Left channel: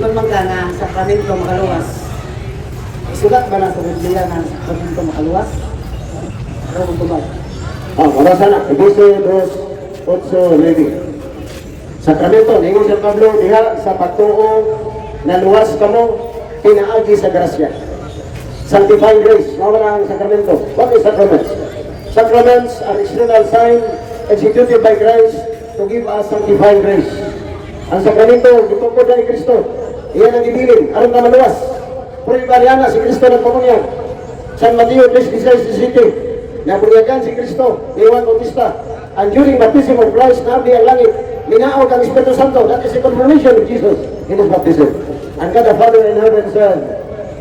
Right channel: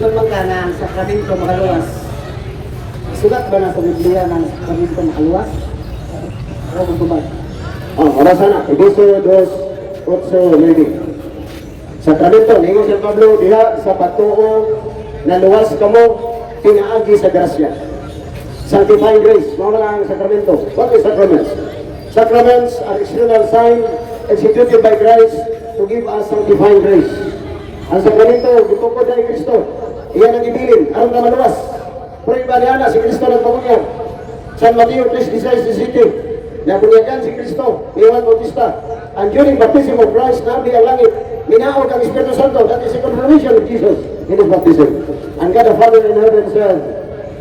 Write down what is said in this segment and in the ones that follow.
Magmangga na ang sakramento makaluwas. Isulat ba na sa Biblia ng sakramento makaluwas? Ano kung tumag? Wala sana. Edisio 2:8-9. Sakramento, ningon si Pablo, diha sa patuo na luwas kamo, pinaagi sa grasya. Sanctifying grace, mawala ang sakramento. What is sacraments? Sacraments are external sign executed by Christ to give us sanctifying grace. Ang sakramento, gitungkod na ni Kristo. Iyan ang ibilin, aron na maluwas. Puribariana si Kristo ng pamunyag. San Mateo 3:16-17. Nabunyagan si Kristo, Iwan Bautista. And during baptism of Christ, nabi ang langit, minaog ang Espiritu Santo. That is the confirmation of Jesus in His baptism. And God the Father in heaven said,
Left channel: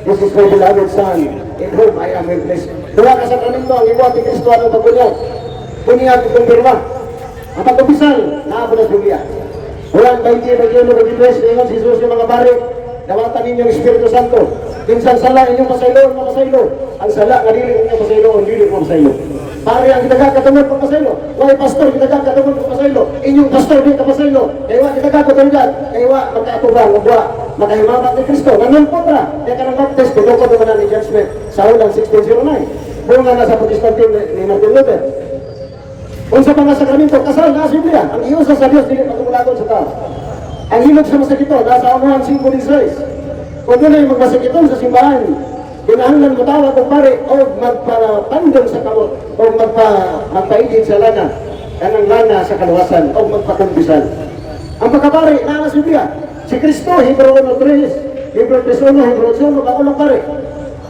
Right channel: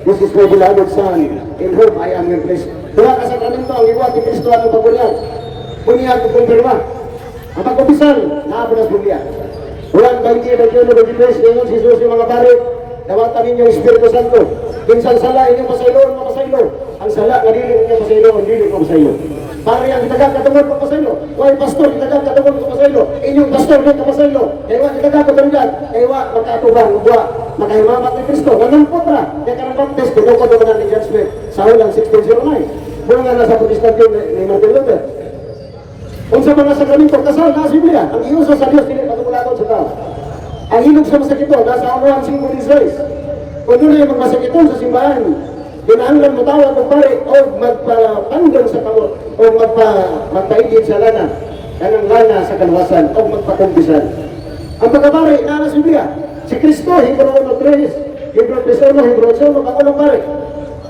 "This is my beloved Son, in whom I am well pleased." Dua ka sakramento ang iwan ni Kristo ang pabunyag. Bunyag at kumpirma. Ang pagkabisal, naabot na bunyag. Juan 20:21-23, ingon si Jesus yung mga pare, dawatan ninyo ang Espiritu Santo. Pinsan sala inyong masaylo, masaylo. Ang sala, kanili inyong masaylo, ang dili ko masaylo. Pare ang kitagakatungod ko masaylo. Why pastor, kitagakatungod ko masaylo. Inyong pastor dito masaylo. Kaya kitagakatungod, kaya magkatubang, magwa, makahimamat ni Kristo. Nanampo pra, kaya ka ng baptist, tinukod naman ni judgment. Sa ulang 1609. Bunga na sa protestante ni Martin Luther. Kung sa mga sakramento, kasal na Biblia. Ang iusa sa Diyos, dili matungulagon sa tao. Ang hilog sa masakito, nasa Anuhan 5:16. Kung doon ay magmasakito sa simbahan, kinahanglan mo tawag kung pare o magpapandong sa kamot o magpaigid sa lana, kanang lana sa kaluwasan o magpakumpisan. Ang pagkapare, nasa Biblia, si Kristo, Hebrew 1:3, Hebrew 3:1, Hebrew 8:1, Pangulong pare.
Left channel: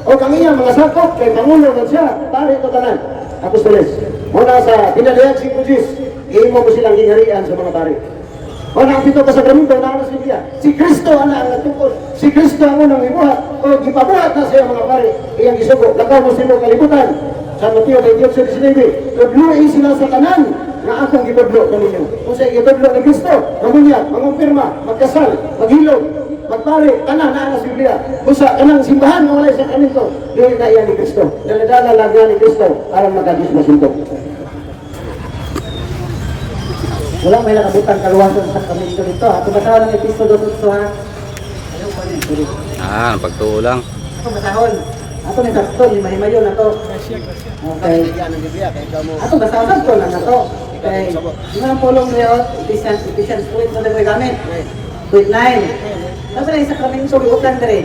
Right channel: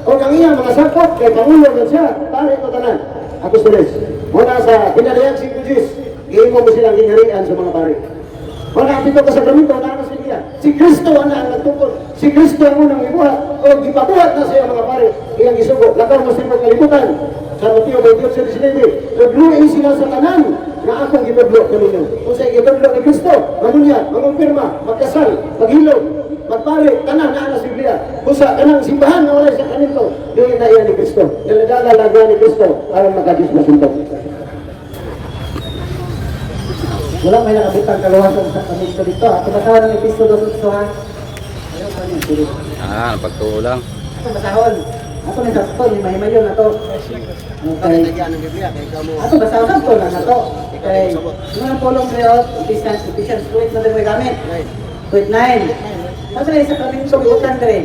O kang iya mga sakop, kay Pangulo na siya, pare ito tanan. Apostoles, muna sa pinaliyag si Kujis, iimo mo silang ginarian sa mga pare. Wala dito ka sa sakramento, nasa Biblia. Si Kristo ang nagtukod. Si Kristo ang unang ibuhat. O gipabuhat na siya mga pare. Iyang isugo. Lagaw mo sila kalibutan. Sa Mateo 28:19. Tudluin sila sa kanan na akong gibudlo kaninyo. Kung sa gibudlo ni Kristo, mamunya, mangumpirma, magkasal, maghilog, magpare, kanan na sa Biblia. Busa, kanang simbahan na wala sa sakramento. Dili na iyan ni Kristo. Daladala lagwa ni Kristo para magkadis masuntok. Wala may nakabitang kaluhan sa sakramento dito. Ako masahon ng episodo sa ha. Ayaw pa niya. Pagtuo lang. Ako masahon. Ako may sakto, lima-himayo na to. Okay. Ako masahon sakto na to. Okay. Yung pulong ngayon, Ephesians 8 na tayo gamit. 8:9. Ano na yung sakramento, iutan na rin.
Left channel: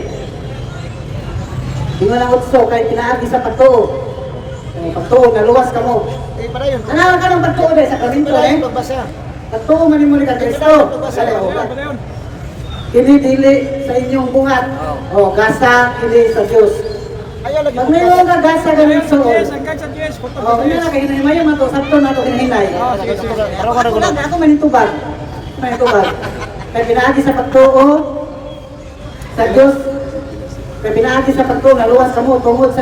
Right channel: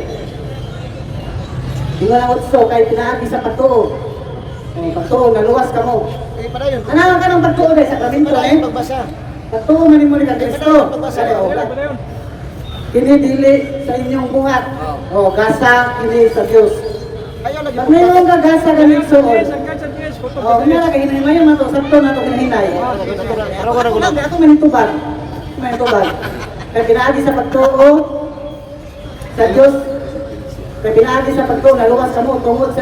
Di mo lang utso, kahit pinaagi sa pagtuo. Pagtuo, naluwas ka mo. Ano ka ng pagtuo dahil sakramento eh? Pagtuo man mo ni Kristo. Kinidili sa inyong buhat. O, gasa, kini sa Diyos. Mayroon ka gasa ganun sa Diyos. O, pinalagay, hinay yung mato, sakto na ito hinay. Ako manitubag. Manitubag. Kaya pinaagi sa pagtuo sa Diyos. Kaya pinaagi sa pagtuo, naluwas ka mo, tungod sa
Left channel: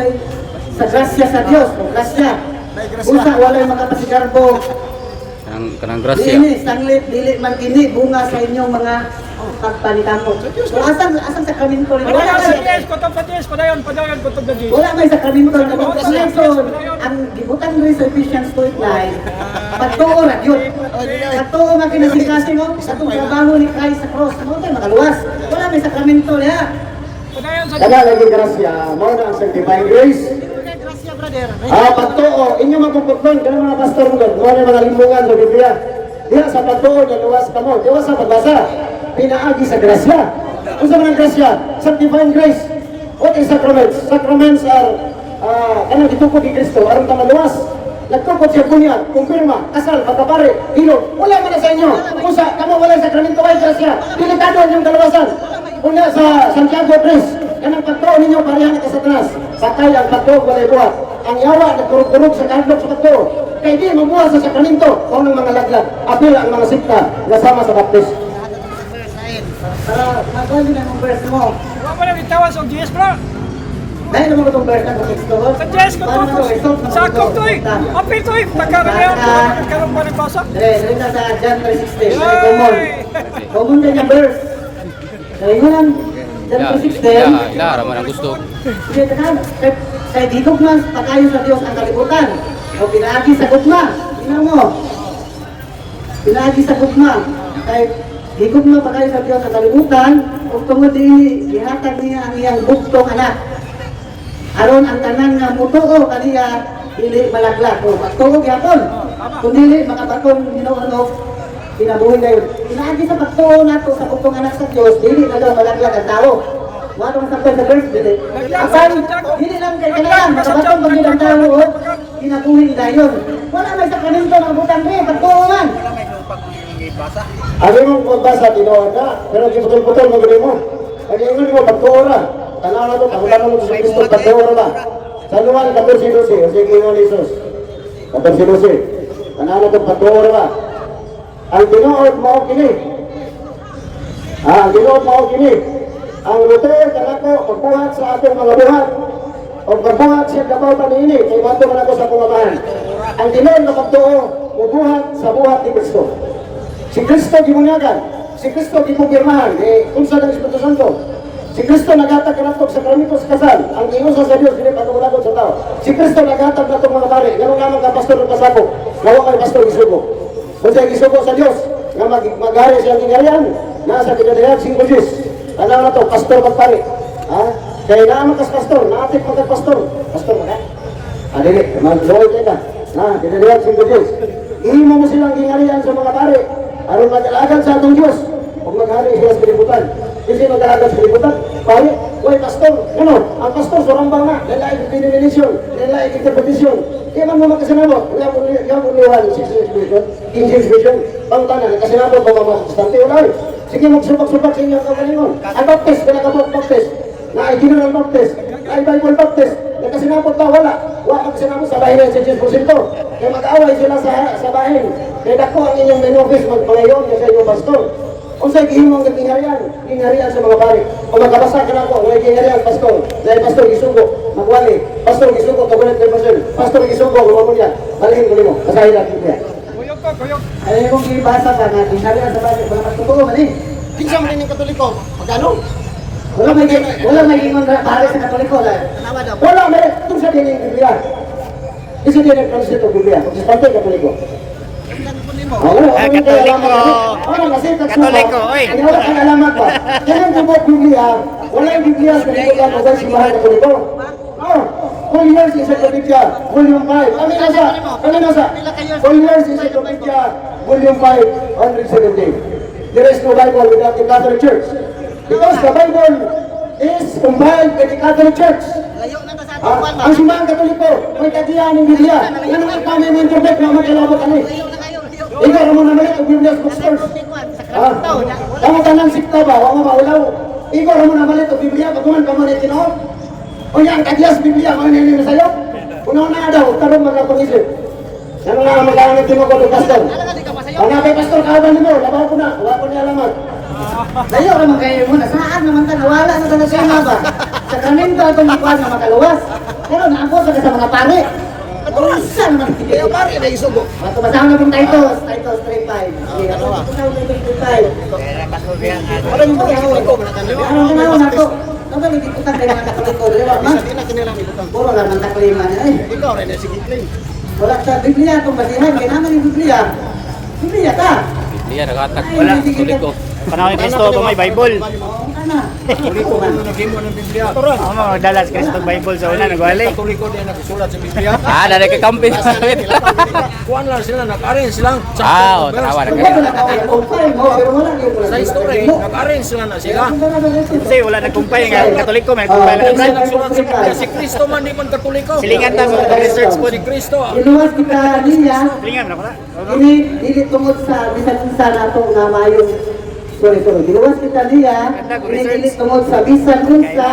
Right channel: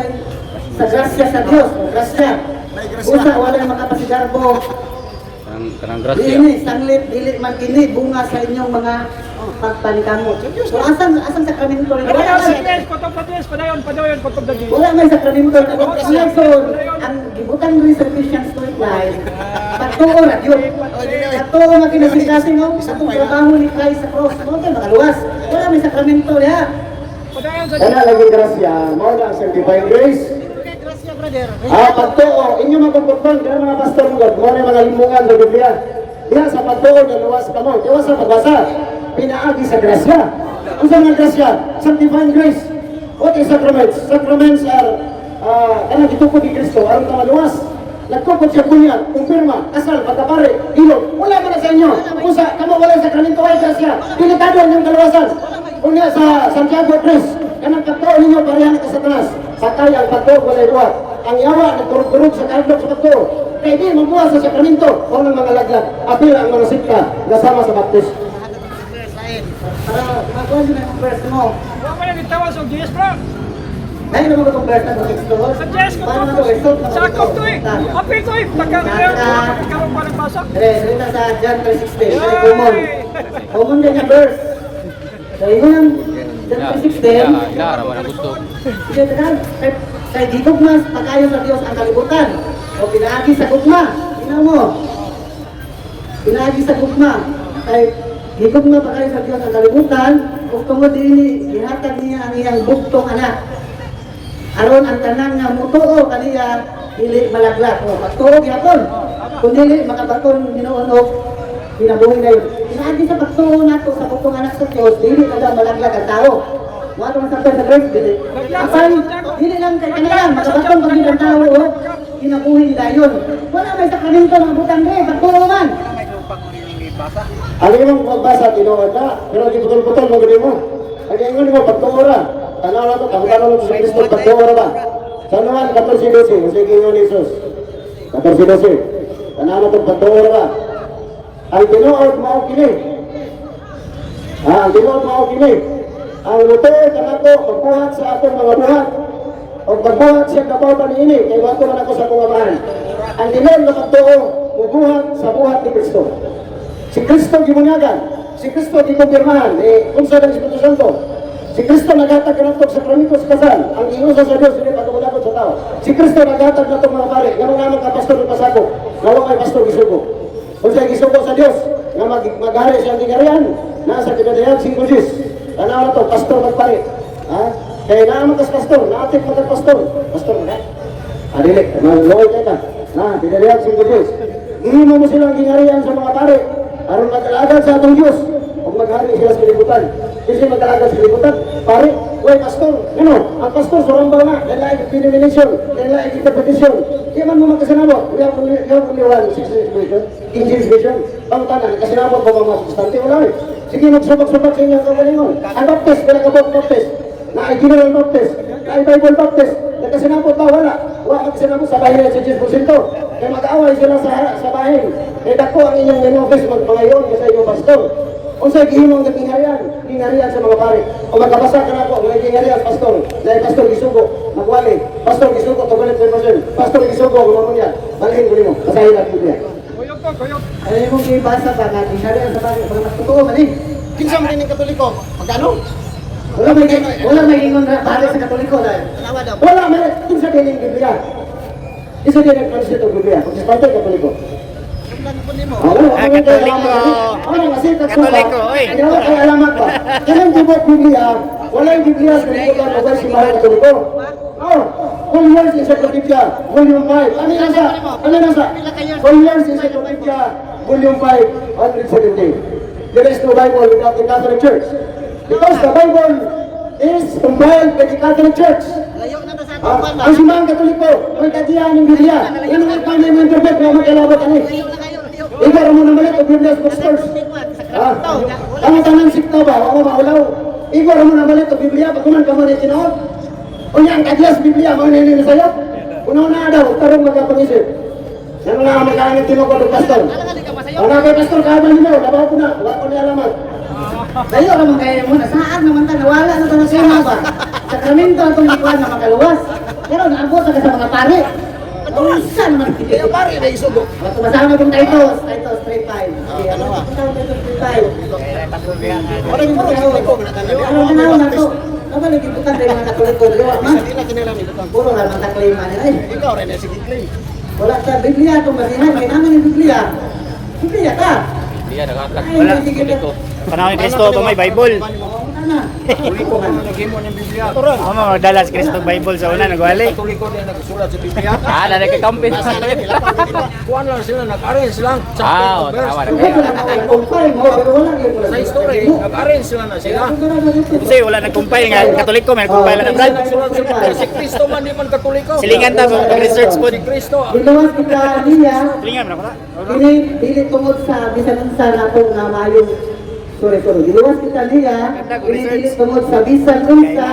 grasya sa Diyos. Grasya. Usa, wala yung makapasigarbo. Kanang grasya. Dili, sanglit, dili, magkini, bunga sa inyong mga pagpanikamo. So, asan sakramento rin? Wala may sakramento rin. So, ang gibutan rin sa Christian Street Line, pagtuo na yun. Pagtuo na kinasikasi mo, itong trabaho ni Christ sa cross. Okay, magaluwas. Wala may sakramento niya. Wala naging grasya, mao na ang sanctifying grace. Pagtuo, inyo magpuputman, kaya mga pastor mo, muna yung mga limbungan sa Biblia. Diya sa pagtuo, naluwas ka mo. Diya sa pagbasa, pinaagi sa grasya. Kung saan ng grasya? Sanctifying grace. What is sacraments? Sacraments are, kanang gitukod ni Kristo, aron ka maluwas. Nagtukod siya bunyag, kumpirma, kasal, pagkapare, ilog. Wala man na sa inyo. Kung sa, kamo wala yung sakramento, wala yung grasya. Delikado ang inyong kaluwasan. Una sa Santiago 3, kanang pagtuo ninyo parehan ka Satanas. Patay ang pagtuo, walay buhat. Ang yawa, nagkurug-kurug sa kahidlok sa pagtuo. Kaya di mabuha sa sakramento, o ng mga laglag. Apil ang mga sikta, nasama sa baptis. Para magawa nyo na yung verse mo. Huwag mo lang itawa sa GS bro. Dahil naman ko itong verse ng texto. Sa GS ko Paano po. ito? Result naman Sakop ito. to eh. Apil to eh. Pagkakaroon pa nagpasok. Dali na sa John 3:16. Very common. Common din yung verse. Dali mo lang. John 3:16. Naman ang gusto. Sige, tanan. Kay di gugmas, pakayo sa Diyos ang kalibutan. O pinaagi sa gugma. Tingnan mo. Pinaagi sa gugma. Kay Higugma pa kayo sa Diyos ang kalibutan, ug tungod dinhi gihatag niya ang iyang bugtong anak. Aron ang tanan nga mutuo kaniya dili malaglag o magtuo gyapon. Kun dili makabaton Ginoo og kinabuhi kayo. Inaagi sa pagtuo nato sa bugtong anak sa Dios, dili na daw malaglag ang tao. Wala man sa verse dili. Apan dili lang kay kanalang makabaton pag ang tao o kinabuhi dayon. Wala may sakramento ng butang ni pagtuo man. Ano yung magbasa, tinuod na, pero di putol-putol mo gini mo. Ang ingon mo, pagtuora. Tanaw na ito, kamutan mo sa Kristo, pagtuora ba? Sa Luan, 14:12, o sige ingon ni Jesus. 14:12, tanaw na ito, pagtuora ba? Ang tinuod mo kini. Ang tinuod mo kini. Ang mutuod kanako, pagbuhat sa atong mga buhat. O pagbuhat siya kapaw pa niini, kay wato man ako sa pungamahan. Ang tinuod na pagtuo, mubuhat sa buhat ni Kristo. Si Kristo gimunyagan, si Kristo gipirmahan, unsa ng Espiritu Santo. Si Kristo naghatag kanatong sakramento sa kasal, ang iusa sa Dios dili patungalagon sa tao. Si Kristo naghatag natong mga pare, ngano nga mga pastor ng pasako, ngano nga pastor gisugo. Unsa gisugo sa Dios, nga maghari sa gingharian, nasa kinadayag sing Moses. Tanaw na to, pastor magpare. Ha? Kaya naaman kas pastor, naatik magpastor. Pastor mga. Dili, magloy tayo ka. Ha, kinadayag sing Moses. Ihimo mo silang gingharian sa mga pare. Aron mag-alagad sa atong Diyos kung maghari sila sa kalibutan. Kasi mag-alagad sa kalibutan, pare, uy, pastor, ano, ang pastor, surambang na, nalaig denomination, nalaig interpretation. Kaya man mo magkasinabo, yung uniwan, King James Version, pangtanan, nagkasinabo pa mga protestante, wala eh. Sige, magsubak-subak sa inyong kagalingon. Ang baptist, pinagabot baptist, na ay general baptist, na ay Bible baptist, nagkasinabo pa, wala. Wala magkasinabo sa bahay sa 10%. Kaya mag-away sila sa bahay. Kaya dako ang inyong main office magpangayon sa inyong pastor. Unsay gihimong gingharian sa mga pare. O magkabasa ka na ko, mga gingharian pastor. Dahil pastor gisugo, magwali. Pastor gisugo, kabulit kay pastor. Pastor gisugo, gumamon yan. Malahin ko nimo, basahin lang Biblia. Kuyog ko, kuyog. Ay mo gibasa pa nga gingharian sa pare, mga totoo mali. Kinsa man ning Katoliko? Magkano? Wala may gingon ra pare sa Katoliko dahil. Wala may kinsa din ning Biblia. Isa din ang kansito Biblia. Protestante Katoliko. Katoliko, oy. Wala kang alamat ba? Kailan gubot Biblia? Wala yung Biblia sa kalibutan o sa simbahan Katoliko. Full years Encyclopedia, Volume 5. Ano nasa? Full years Encyclopedia, Volume 5, 170. There is no Bible without the Catholic Church. Because the Bible is compiled by the Catholic Church. Ang simbahan Katoliko, may tatiyan ng Biblia. Yan ang kami ng-interpret na magkalabot ani. Ikaw naman naman ito, Biblia Bookstores. Kamu tanang sikta ba? Wala maulaw. Ikaw naman naman ito, Biblia. Patuman ka man itinoon. O yan, kadyas Biblia, mga nilin na sa'yo. Una-una daw, tarong magkapangisip. Ano nga mag-aangit tino ko, pastor? Ang mga kay pastor, kaabang mo, labaw ko na. Wala ko niya alamat. Dayo naman kayo muna, saan naman ta nawala na ta sa ba? Sakramento atong ikuan na makaluwas. Pero naabot sa mga pare. Saan naman Kaya pare, may isugo. Masama itong Titus 3:5. Ano? Titus 3:5. Wala yung mga Katoliko, manatanan niya. Ano? Ano lagi putang kay mga Katoliko, di ba? Isa din na kinilang ibutang. Puro lang taklima niya. Ay, Ikaw rin, sige claim. wala sa Biblia itong basihan. May naman yung Biblia. Biblia ka. Iya, nagatag. Ay, Wala. hindi Kulit ko. Panahon ni Kristo ba may Bible? Ano? Katoliko man naghimo ng Biblia. Ako magdala sa Kristo Bible sa una nagwali. Katoliko din nagsulat sa Biblia. Dali kay kampi. Kuan lang sila, nag-arrange lang. O, tawa na Wala na nakakumpay mo. Wala yung Sa history, nag-arrange sila na sila. Kasi wala nagkumpay nga Katoliko may kumpay lang. Kasi nagsulat sa Biblia, si Kristo man, di man Katoliko. Silingan ta mo research po. Si Kristo. Iluwas kita niya. Silingan ra pala. Ini dili tungod sa bisan unsa nato nga mayong sorry. Giluwas kita niya. Ini dili tungod sa bisan unsa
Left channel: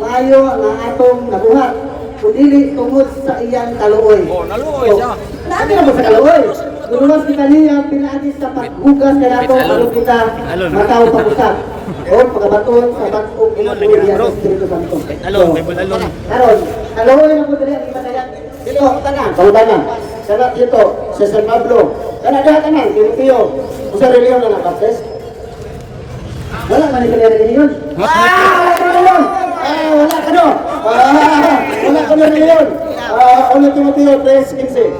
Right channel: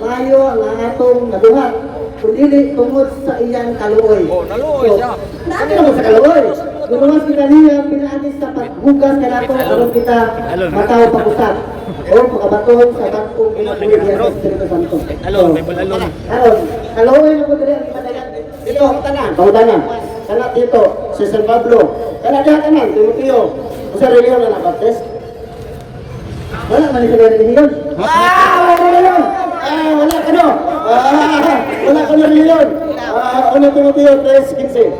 mayo ang atong nabuhat. Kung dili tungod sa iyang kaluoy. Oh, naluoy siya. Nabi naman sa kaluoy. Giluwas kita niya pinaagi sa paghugas na nato aron kita mataw pag-usap. O pagkabaton sa batong pinaguya sa Espiritu Santo. Alon, Bible alon. Kaluoy na po dili ang imatayan. Dito, Pangutanan. Kana dito, sa San Pablo. Kana dahat naman, Timoteo. Usa reliyon na nabaptis. wala man sa reliyon. Wala reliyon! Wala ka no! Wala ka na reliyon! Ano Timoteo 3:15?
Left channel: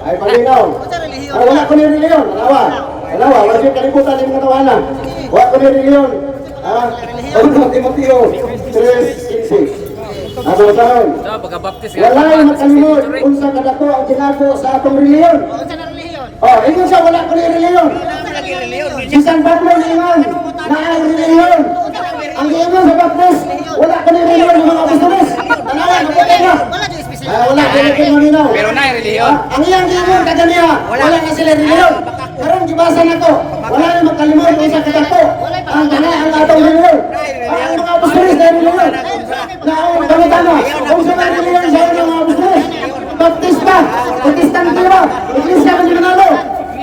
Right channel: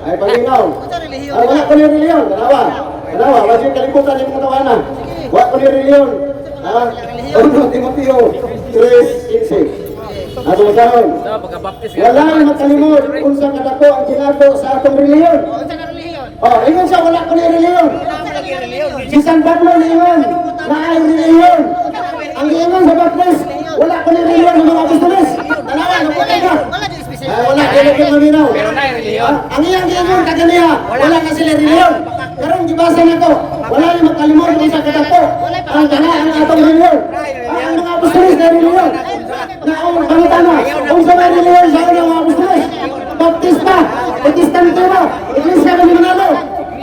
Ay, palinaw. Wala ko na reliyon, malawa. Dalawa, wala yung kalimutan yung mga tawanan. Wa ko ni reliyon. Ha? Ano, Timoteo 3:16. Ato sahon. So, pagka-baptist Wala yung makalimot kung sa kadako ang ginado sa atong reliyon. Oh, ingon siya, wala ko ni reliyon. Si San Pablo na ingon, na ang reliyon. Ang ingon sa baptist, wala ko ni reliyon ng mga apostoles. Tanawa, naputi ka. Wala, dili ko maminaw. Pero na reliyon. Ang iyang ingon kagania, wala na sila reliyon. Karong gibasa na ko, wala yung makalimot kung sa kadako. Ang kana ang atong reliyon. Ang mga apostoles na reliyon. Na ang pangutana, kung sa may reliyon sa mga apostoles, baptista, protestante ba? Iglesia ka ni Manalo.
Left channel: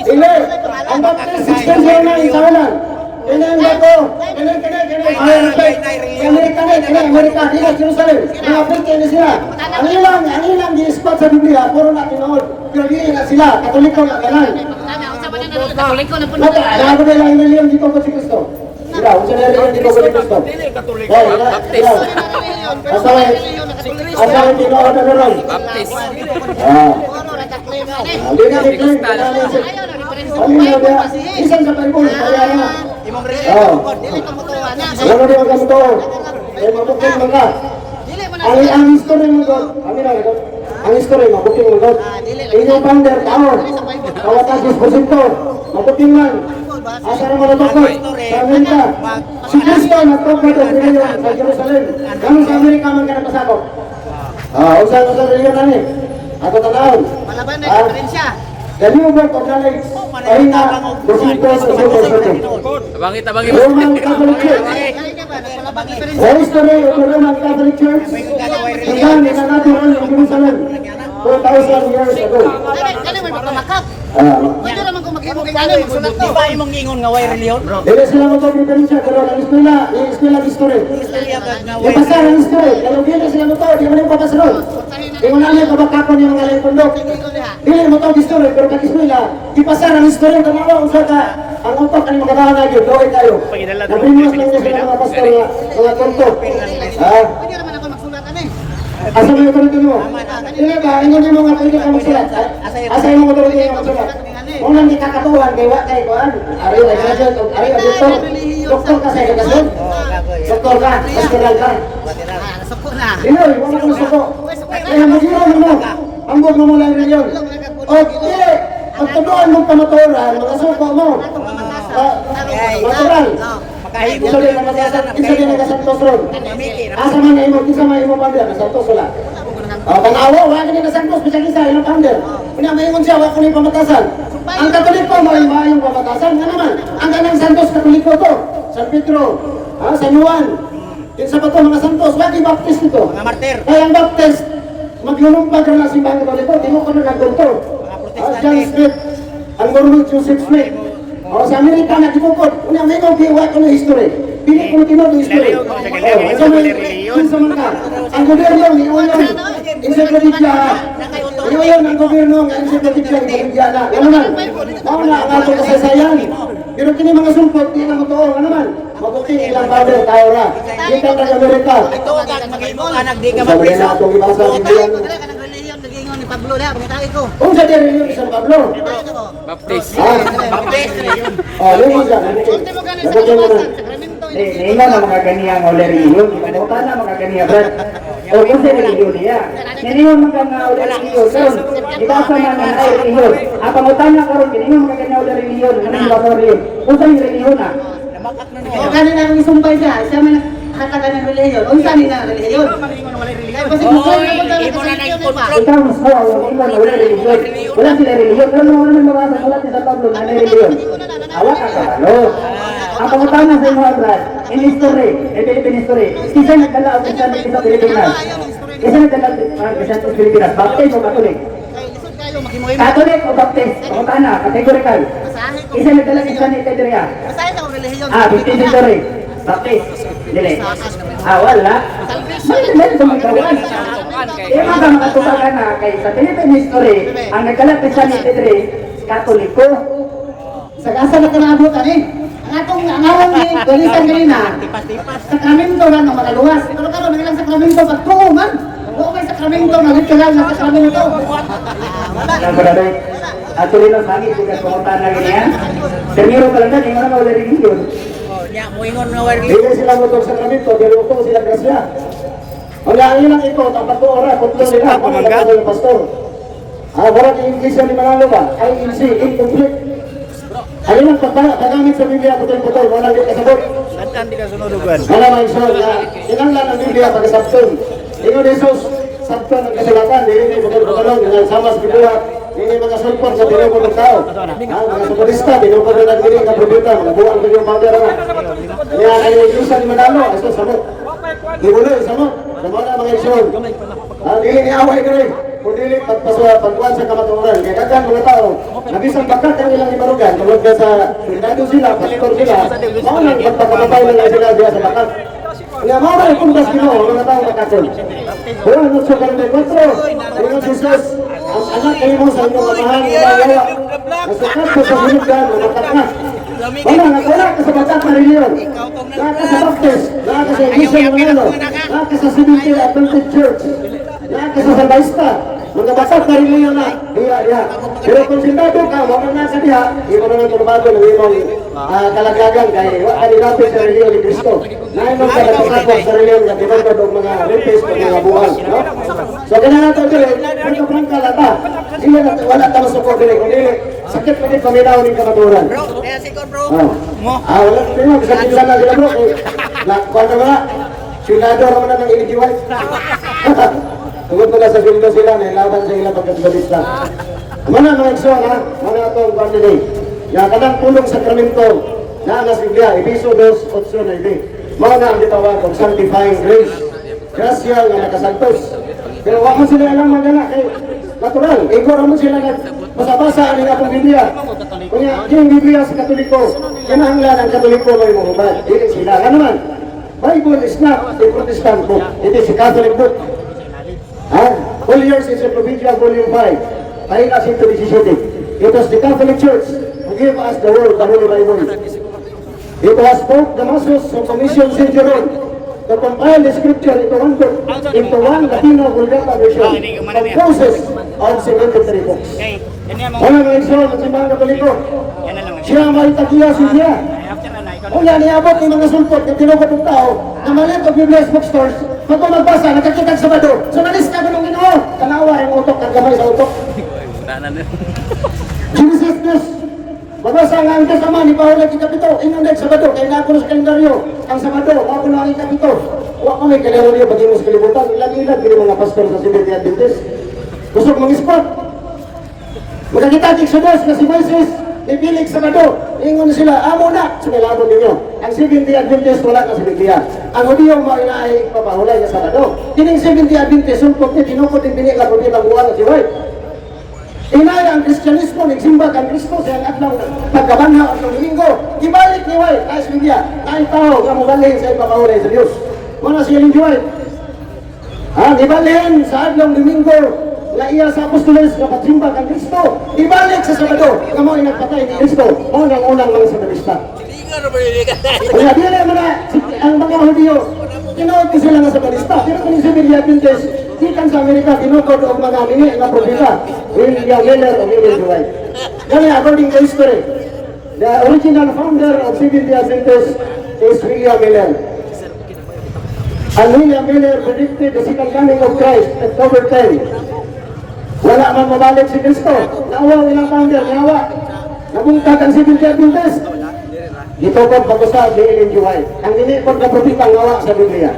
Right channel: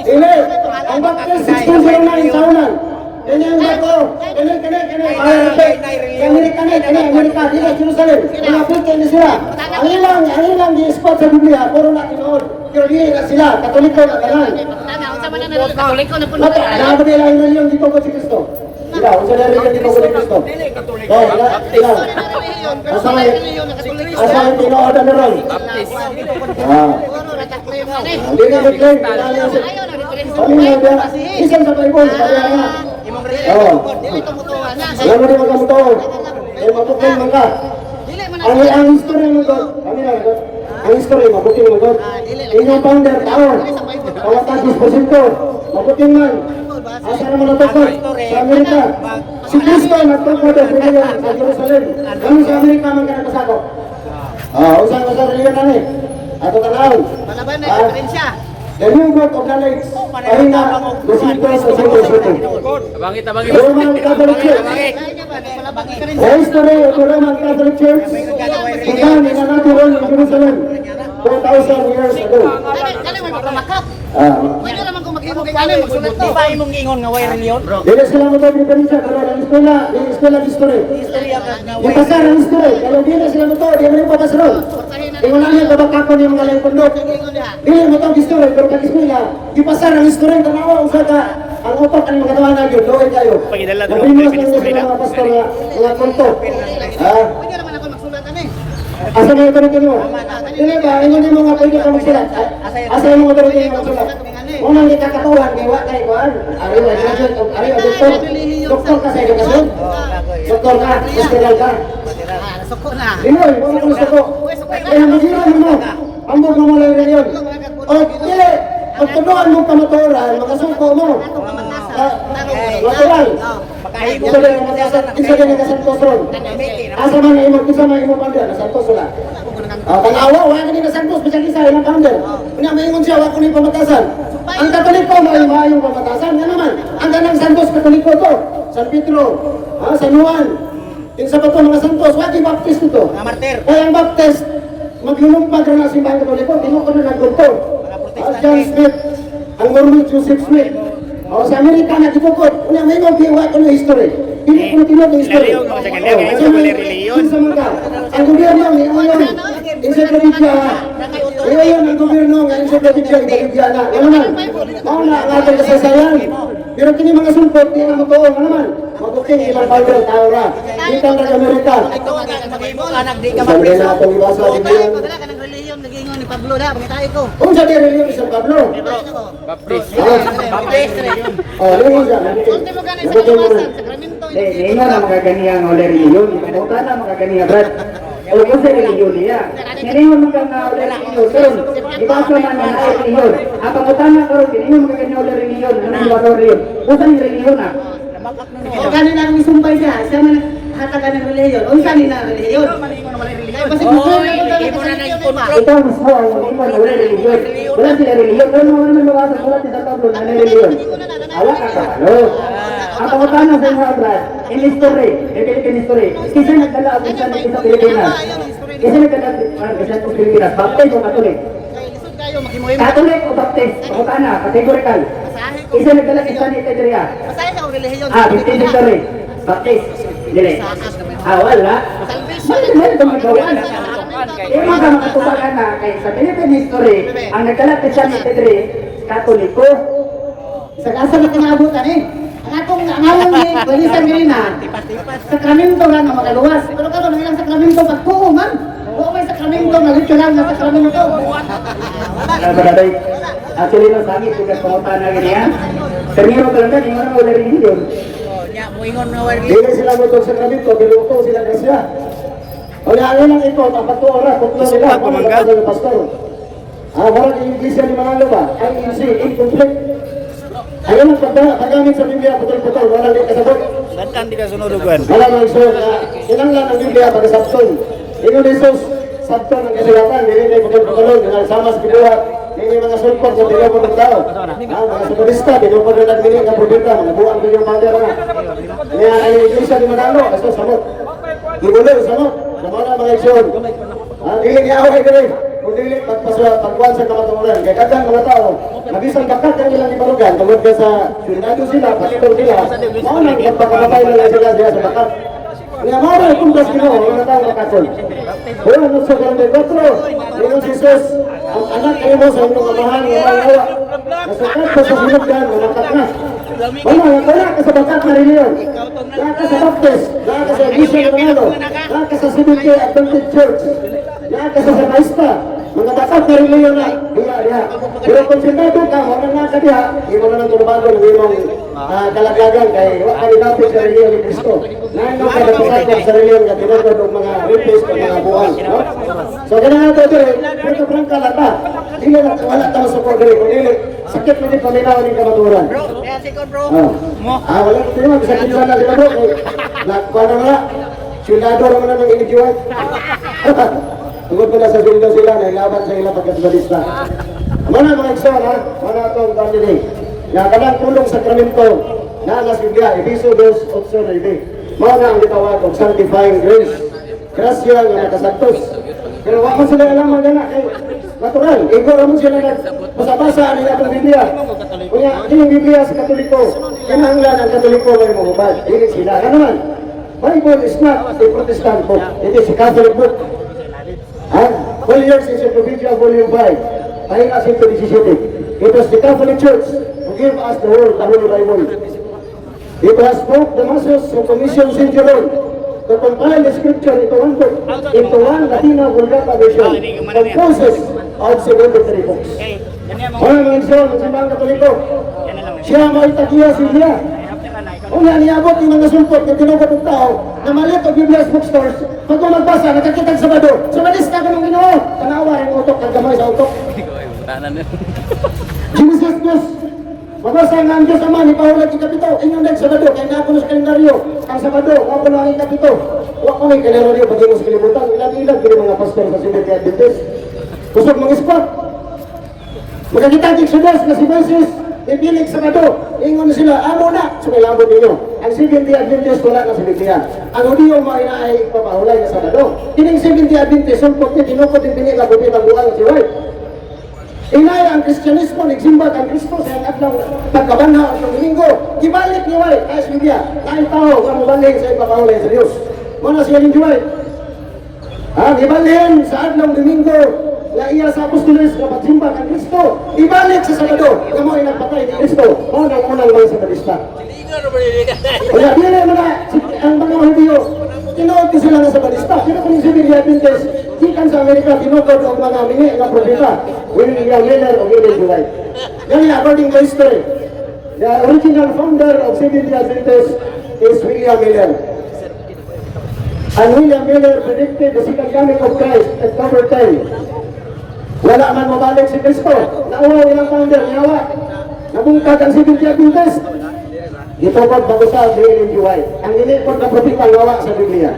Dili, ang baptist 1609 sa ulan. Kini ang bato, kini, Amerika, dili, Jerusalem. Mga Afrika ni sila. Ang ilang gi-spot sa Biblia, puro na tinood. Pero dili na sila, Katoliko na kanan. Mata, ano ba yung reliyon dito ko si Kristo? Sila, kung saan reliyon dito ko si Kristo? Oh, ila. Asal tinood na meron. Baptist. Hindi na declare. Ano yung ba? Isang sa Bible, kaya nga. Wala rin magkamuto. Eh, mabuking mga. Ang history mo God. Ang history, mabuking mo God. Inyong founder, tao. Kawatan si Esposito. Mabuking man. Asa naman natukod sa Amerika. Si Kristo nagtukod ang reliyon sa Jerusalem. Kami sa Amerika man ka nakasako. Usan sa reliyon na ni. Ako tanaw. Malaban na diferensya. The new book of knowledge. Pahina, Dosito, Abangit, abangit. Roman Catholic Church. The history of the Roman Catholic Church began in another realm of Jerusalem 2,000 years ago. Kani man pagkamakap. Pwede naman kung mag-imog kani magsulat to. Di ba imong ingon nga way reliyon? Dili sila mag-diferensya, pero ang eskwela history. Ipasar ang history, pero dili sila mag-to, di mo yung papasarod. Di mo namin kabakakon yung mga lempondok. Dili mo to history, pero kag-eskwela, ipasar ang history, tanawa kung saan ka, ang utok ang mga tawanan yun, laway kayo. Naprimos lang niya sila mga pastor, mga konto. Pwede naman ako magsulat ani. Asa mo yung authority mo? Dili ba, hindi mo nga pwede ka magsulat. Asa yung mga authority mo magsulat? Unang ikakatuhan, kay wa kay kuan. Ari wa judge, ari wa doktor. Doktor ka sa edukasyon. Doktor ka, hospital ka. Suko na. Dili, wa mo suko. Kaya magiro mo. Ambot mo lang reliyon. O dili, pagtuduan mo kamaturan, makasuko mo. Natural. Isa din ang matasan, isa din ang kasantos ron. Asa man imo, isa man imo panda, kasantos wala. Tanawa, wala ka na santos, bisag isa, ilang panda. Pinamayingon siya, wala ko na pamatasan. Ang Katoliko, may pamatasan. Nga naman, ang ganang santos, Katoliko to. San Pedro, San Juan. Yung sa bato, mga santos, wala yung baptist ito. Mga martir. Kaya ang baptist, maglulumpag rin ang simbahan Katoliko, di mo ko na nagkulto. John Smith, ang Mormon Joseph Smith. Sa Amerika na gibukod, una may mga giwa ko na history. Pili ko na tinod ng history. Ang gobyerno, may uyon, encyclopedia. May uyon ang gobyerno, ang encyclopedia, encyclopedia na. Ano man, mauna ang ating kasaysayan. Pero kini mga sumpot, di na magtuong, ano man. Mabuking ilang Bible, tayo na. Dito ng Amerika. Ito ang anak di ka Sabi na itong ibasa ng Biblia. Ko dala kanang reliyon nagingon ni Pablo na, pangitay ko. Kung sa reliyon sa Pablo. Baptist. Yung siya, Kunti mo gani sa kaluwasan, sakramento Hindi na mga ganyan o reliyon. Ikaw na mga ganyan, Brad. O kung sa reliyon niya. Ngayon mga na o reliyon. Pero, ibasa man ang reliyon. Ang pangutana ko rin, hindi mga ganyan o reliyon. Ano yung ibasa reliyon? Kung sa reliyon na. O kanin na akong isumpay siya, siya man hatagan ng reliyon. Unsa ni na reliyon? Kaya basta kung saan ka punta na kasanitiyo na pa. Ikaw mismo ang iman na wala reliyon. Wala sila reliyon. Pero wala naman mabasa, wala sila Pablo na may reliyon. Awak ka. No. Ang pangutana sa mga Brad, in history, in Philippine history, kasi nagdala ang isa sa Pilipinas. Kasi nagdala ang isa sa Pilipinas. Baptist o Katolik? Lisod kayo makimuhim. Katolik o Baptist? Pangutana, categorical. Masahe ko. Isa nagdala ang isa ni Pedria. Masahe sa reliyon. 15th century. Baptist. Dili. Wala. Salvation. Meron sa mga gawin. Sakramento. Imo ka makatubagan na kay sa Philippine history, ang nagkalat sa ni Pedri, Katoliko. Sa kasa na kinaabot ani. Ang atong angawang ni Balisan Grina. Sakramento na ng mga luwas. Pero karon ang ilang sakramento pagtuo man. Wa may sakramento nga literal na sakramento. Wala. Wala. Wala. Actually, nang sangit, tigas pumuntahan na ganyan. Termiro ka lang na, yung mga wala religion. Oh, nya moingon nga wire Hindi sila nutog sa kramito, pero ito sila grasya. O yan lang ito, dapat 2 oras, 3 nila, pamangga sa pastor. Wala yung iglesia ni Manalo ba? INC, incomplete. Ayaw lang paggamit sa Biblia, putol-putol, walang di kasabot. Santan di ka sunudugan. Wala man so, kinanglan ang Biblia pagkasabton. Ikaw ni Jesus, sabton ang kasulatan, hindi na putol-putolon, sama sa Biblia. Hindi mga sulpot sa tinupod ng tao. Mga sukarista, tinupod na nagdinig ang problema, mga buwang bilyong powder na. Kaya ang iglesia ni Manalo, ito samot. Gibulo, samot. Samot na mga iksyon. Dili ni away ka rin. Kung dili, pagkuhan sa kamaturan. Kaya dagan mga tao, nabisang bakat ang ilang imarugan. Tungod ka sa pinagdo sila, pastor sila. Maunang magpapakataw na lang sila diya sa bakat. Kaya maunang ipuntas Ginoo, mga tao makakon. Pero ano sa 44, Ginoo Jesus, ang anak kayo mo sa inyong kamahal ng mga yawa. Masakat ko sa sinugdan, mamakat na. Wala ka sa bakat na reliyon. Wala ka sa baptist. Wala ka sa iglesia ng Manalo. Wala ka sa Seventh-day Adventist Church. Wala ka sa Sabaista. Mga bakat na reliyon na. Diya. Pero kung sindado ka, wala nga sa diya, imo na lang tumabago ng imong kalagagan kay wala nilapit sa reliyon ni Cristo. Naimong ka nagpasakwa sa reliyon na tinagod ng mga rapist o mga buwan. So ganun nga ito dire, pero prangka lang ba? Dili na wala tao sa kordere. Kung dili, sakit pa din paminaw ng kamaturan. Kaya si Kodro. Wala ito sa kinsa na sila bro. Nakuha na mga, sinado naman na ng inijiwan. Tungkol pala sa bindo sila, nilaban sa ilang pagkasbalista. Mana mga iksyon ha, mana itong pandilay. Yung kanang pulong sakramento na anas Biblia, Episo 2:8. Mga ang ditawag ng sanctifying grace. Grasya nga nakasagtos. Pero wala sila alam magana kay natural. Ikaw naman sila basa-basa ang itong Biblia. Kaya yung Biblia sa Katoliko, kinahanglan ang Katoliko may mahubad. Hindi sila ka naman. Bible is not a Protestant book. It is a Catholic book. Volumes Encyclopedia Volume 5. Ayun as into 17. It was the Catholic Church who gave us the word, the Holy Bible. It was Pope Damasus who commissioned St. Jerome to compile the scripture into one book, into one Latino Vulgata version, composed of 73 books. Kaya mga iksyon, ng simbang Katoliko, siya may tagiya siya. Kung yan, niabot yung mga sulpot na tinupot ng tao na maliit o Biblia's bookstores, pag magbasa, nakakitag sa Sabado, sa malista ko ng Ginoo, tanawa ang utok, ang gamay sa utok. Jesus Diyos, magbasa nga ang Diyos Ama, ni Pahulag ikapito, inyong next Sabado, kaya nga ako sa kalendaryo, ang Sabado, ako na ang ikapito. Huwag ko may kalendaryo, bagay mo sa kalibutan, ilang-ilang, pero mga pastor sa Seventh-day Adventist. Kusog mga spot. Magkakita-tik sa Diyos na si Moises, ipilig sa Sabado, ingon sila, amo na, sumilabot ninyo. Ang Seventh-day Adventist wala na sa Biblia. Ang Hudiyo ay ipapahulay na Sabado. Kining Seventh-day Adventist, sulpot niya, tinupot yung pinigabot niya ng buwan si Roy. Inay ang Kristyanismo, nagsimba kang Kristo sa atlang pagkabanha at Domingo. Gibalik ni Roy, ayos Biblia, ay tao na mabalhin sa ipapahulay sa Diyos. Muna siya ni Roy. Gibalhin sa atlang Domingo, na iya sa apostoles na pagsimba kang Kristo, ibalik sa Sabado, kamo ay nagpatay ni Kristo, unang-unang lang sa Balista. Kaya dili naman na, ang mga Hudiyo, tinood ko sila na sa Balista, pero kung si Seventh-day Adventist, ikan sa Amerika, tinukod o mga mini na propeta, William Miller o William White. Kaya according to history, the original founder of Seventh-day Adventist is William Miller. And William Miller predicted the second coming of Christ at October 10. Wala man mabalik si Kristo. Naawa ilang founder, naawa. Nabungkag ang Seventh-day Adventist. Gitugod pag-usap ni Ellen G. White. Ang inipot ng propeta nawa sa Biblia.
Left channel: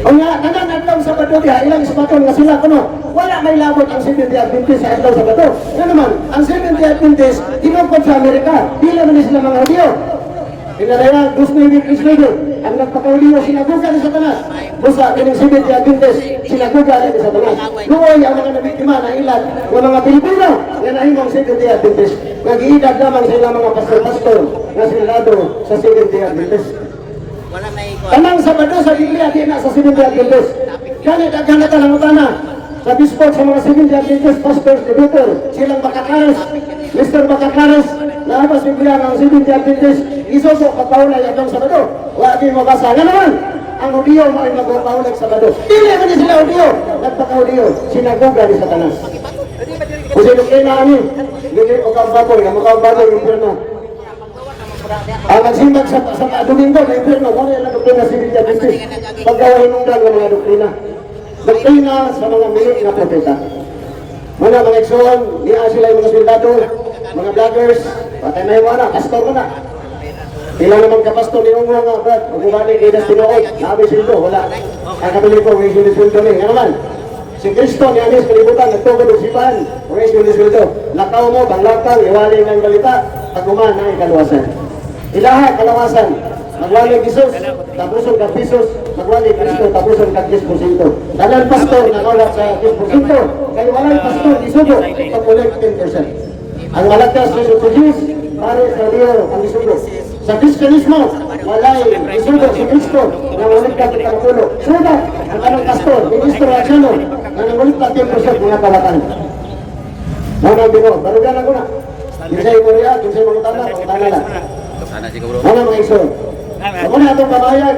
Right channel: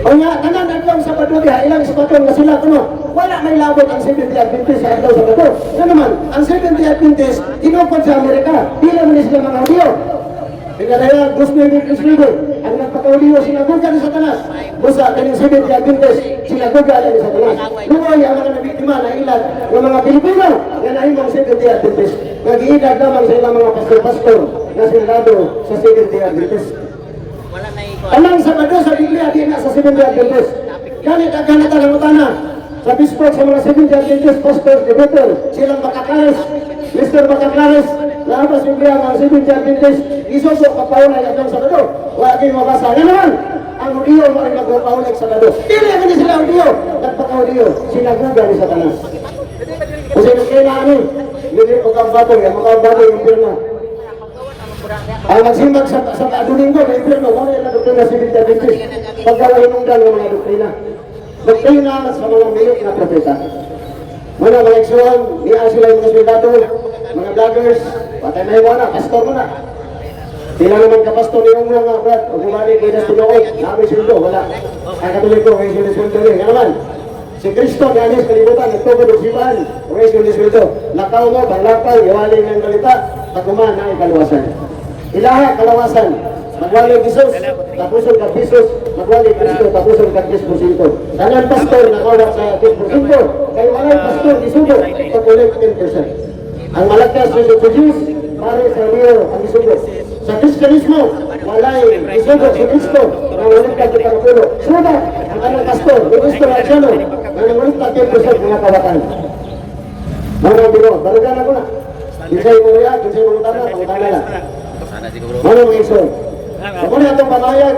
O nga, kanan adlaw sa Sabado diha, ilang ispaton nga sila kuno. Wala may labot ang Seventh-day Adventist sa adlaw sa Sabado. Ano naman, ang Seventh-day Adventist tinupod sa Amerika. Dili man sila mga Hudiyo. Pinaraya, gusto yung Kristo. Ang nagpakauliwa, sinaguga ni Satanas. Busa, kanyang Seventh-day Adventist, sinaguga ni Satanas. Noon, ang mga nabiktima na ilan, ng mga Pilipino, nga naimang Seventh-day Adventist. Nag-iidag lamang sa ilang mga pastor-pastor na sinado sa Seventh-day Adventist. Kanang Sabado sa Biblia, di na sa Seventh-day Adventist. Ganit ang kanata ng utana. Sa bispot sa mga Seventh-day Adventist pastors, debater, silang Bacaclares, Mr. Bacaclares, labas Biblia ng Seventh-day Adventist, isuso pagpaulay at ang Sabado. Huwag kayo mabasa. Nga naman, ang Hudiyo mo ay magpapaulig sa Sabado. Dili man sila Hudiyo, nagpaka-Hudiyo, sinaguga ni Satanas. Kasi nung kailangan hindi ko kang baboy, ang mukhang baboy, impirno. Ang magsimbag sa Domingo, may impirno, kung ano yung doktrina sa Biblia Adventist. Pagkawain ng ng mga doktrina. Doktrina sa mga minute na propeta. Mga eksyon, niya sila yung mga soldado, mga vloggers, patay na yung mga, pastor ko na. Ilang naman kapastor ni Umra nga, brad, o gumani, di na sinuot, namin sildo, wala. Ang katuloy ko, may sinusildo niya, nga naman. Si Kristo, ni Anis, kalibutan, nagtugod ng sipan, may sinusildo. Lakaw mo, banglakaw, iwaling ng balita, pag kumahan na ikalawasan. Ilaha, kalawasan, magwali Jesus, tapusol ka Jesus, magwali Kristo, tapusol ka 10%. Dalang pastor, nakawat sa 10%, kaya walay pastor, isugo, pag-ulit 10%. Ang malakas, Jesus to Jews, pare sa Rio, ang isugo. Sa Kristyanismo, walay isugo si Kristo, na ulit ka kita ng pulo. Suga, ang kanang pastor, yung Kristo na siyano, na nangulit ka 10% mga kawatan. Manang biro, barugan ako na. Kinsay mo rin, kinsay mo utana lang. Sana siguro. Ano mga iso? Ako na itong pamayag,